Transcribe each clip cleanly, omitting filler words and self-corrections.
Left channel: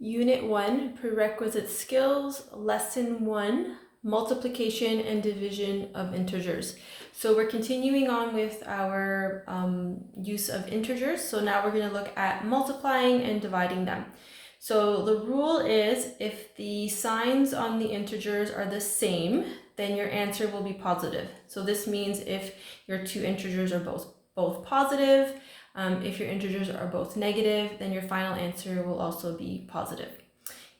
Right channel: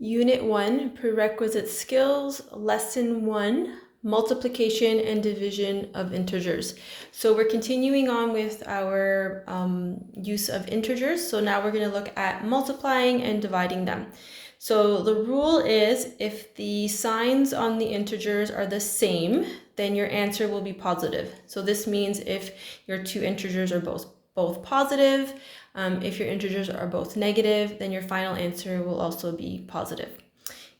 Unit 1, Prerequisite Skills, Lesson 1, Multiplication and Division of Integers. So we're continuing on with our use of integers. So now we're going to look at multiplying and dividing them. So the rule is if the signs on the integers are the same, then your answer will be positive. So this means if your two integers are both positive, if your integers are both negative, then your final answer will also be positive.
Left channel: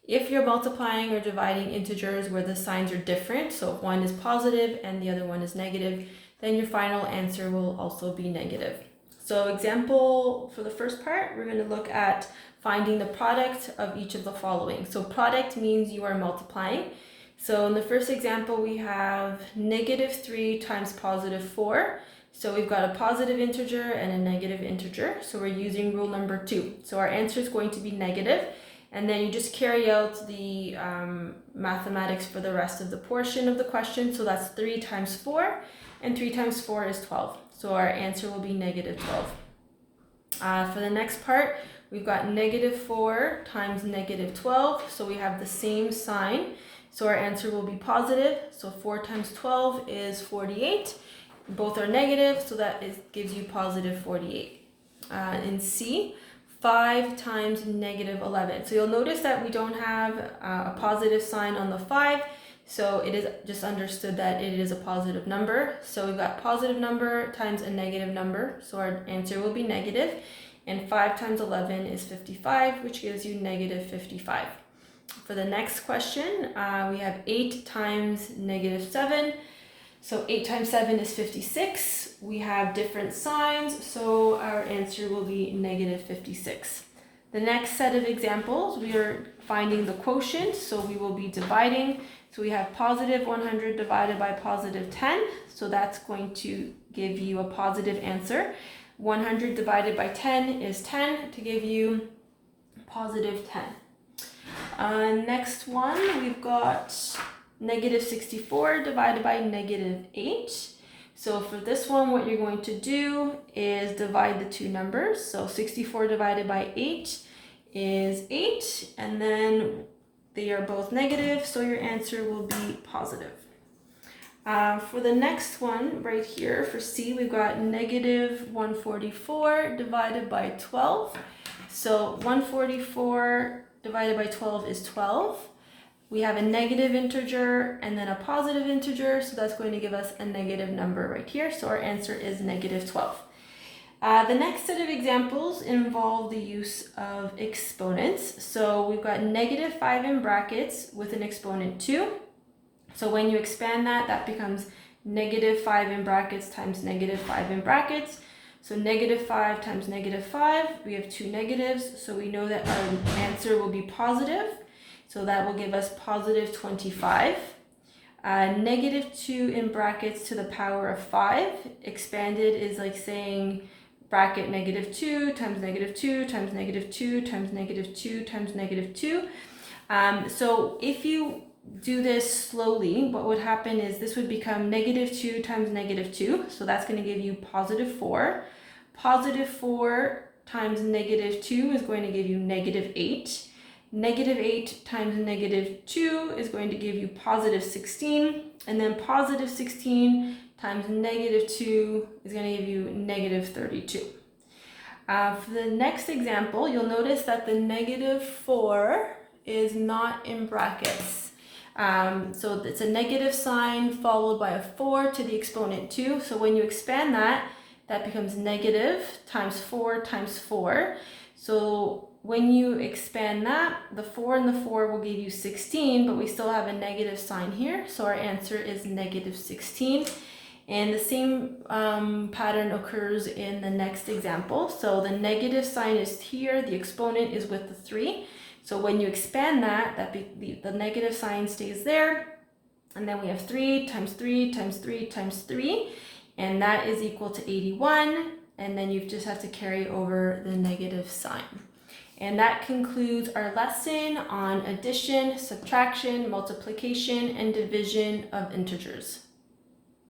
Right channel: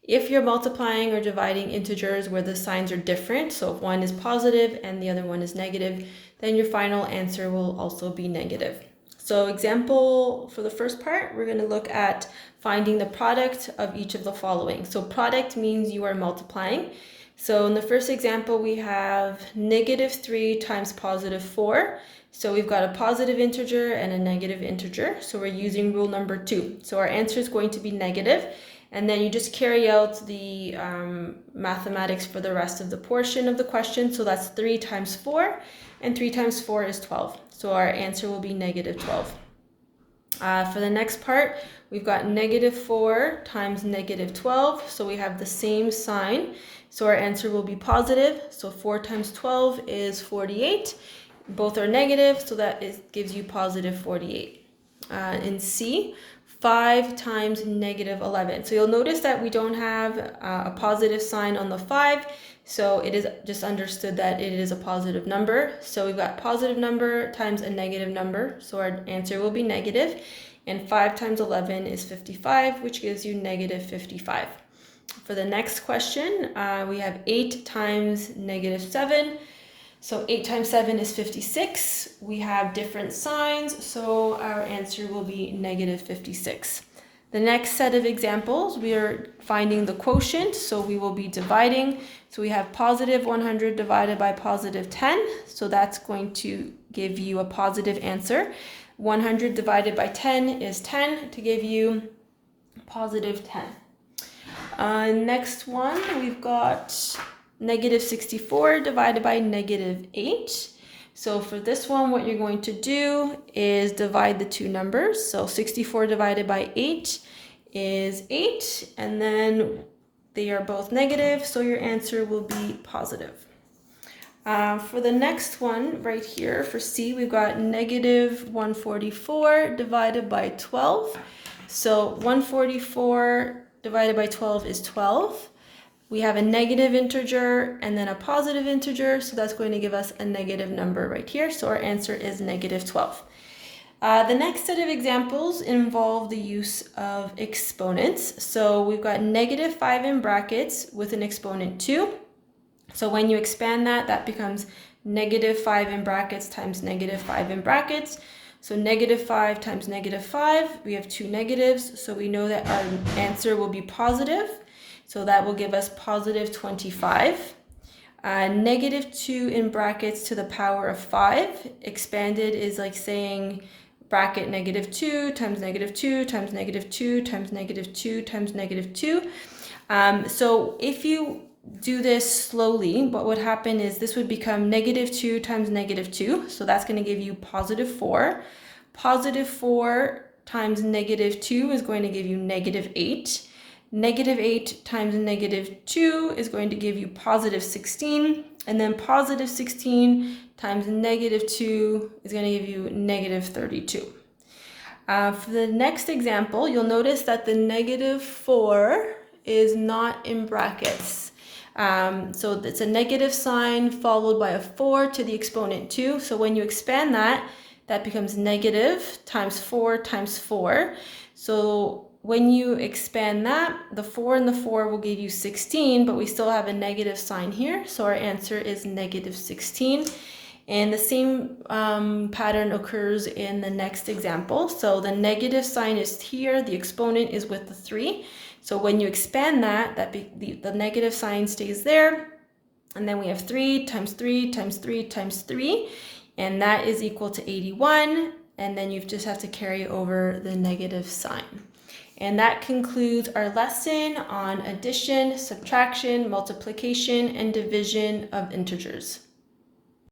If you're multiplying or dividing integers where the signs are different, so if one is positive and the other one is negative, then your final answer will also be negative. So example for the first part, we're going to look at finding the product of each of the following. So product means you are multiplying. So in the first example, we have -3 times +4. So we've got a positive integer and a negative integer. So we're using rule number 2. So our answer is going to be negative. And then you just carry out the mathematics for the rest of the portion of the question. So that's 3 times 4, and 3 times 4 is 12. So our answer will be -12. For the next part, we've got -4 times -12. So we have the same sign. So our answer will be positive. So 4 times 12 is 48. Both are negative, so that gives you positive 48. In C, 5 times -11. So you'll notice that we don't have a positive sign on the 5, so it is just understood that it is a positive number. So we've got positive number times a negative number, so our answer will be negative. And 5 times 11 is 55, which gives you -55. For the next question, we have 8 times -7. So 8 times 7 is 56. We have different signs, so our answer will be -56. The next set of examples, we are finding the quotient, so we will be dividing. So we have positive 100 divided by positive 10, so that's going to give you a positive answer. 100 divided by 10 is 10 to give you positive 10. Next one, we've got -64 divided by -8. So for this one, what you're going to do is divide the two numbers. So 64 divided by 8 is 8, and then they are both negative, so your answer will be positive. For the next one right here, for C, we've got -144 divided by 12. So 144 divided by 12 is 12. We have a negative integer and then a positive integer, so that's going to give us a negative number right here. So our answer is -12. The next set of examples involve the use of exponents. So we've got -5 in brackets with an exponent 2. So when you expand that, that becomes -5 in brackets times -5 in brackets. So -5 times -5, we have two negatives, so we know that our answer will be positive. So that will give us positive 25. -2 in brackets to the power of 5. Expanded is like saying bracket -2 times -2 times -2 times -2 times -2. So if you do this slowly, what would happen is this would become -2 times -2. So that's going to give you positive 4. Positive 4 times -2 is going to give you -8. -8 times -2 is going to give you positive 16, and then positive 16 times -2 is going to give you -32. For the next example, you'll notice that the -4 is not in brackets. So it's a negative sign followed by a 4 to the exponent 2. So when you expand that, that becomes negative times 4 times 4. So when you expand that, the 4 and the 4 will give you 16, but we still have a negative sign here. So our answer is -16. And the same pattern occurs in the next example. So the negative sign is here, the exponent is with the 3. So when you expand that, the negative sign stays there. And then we have 3 times 3 times 3 times 3. And that is equal to 81. And then you just have to carry over the negative sign. And that concludes our lesson on addition, subtraction, multiplication, and division of integers.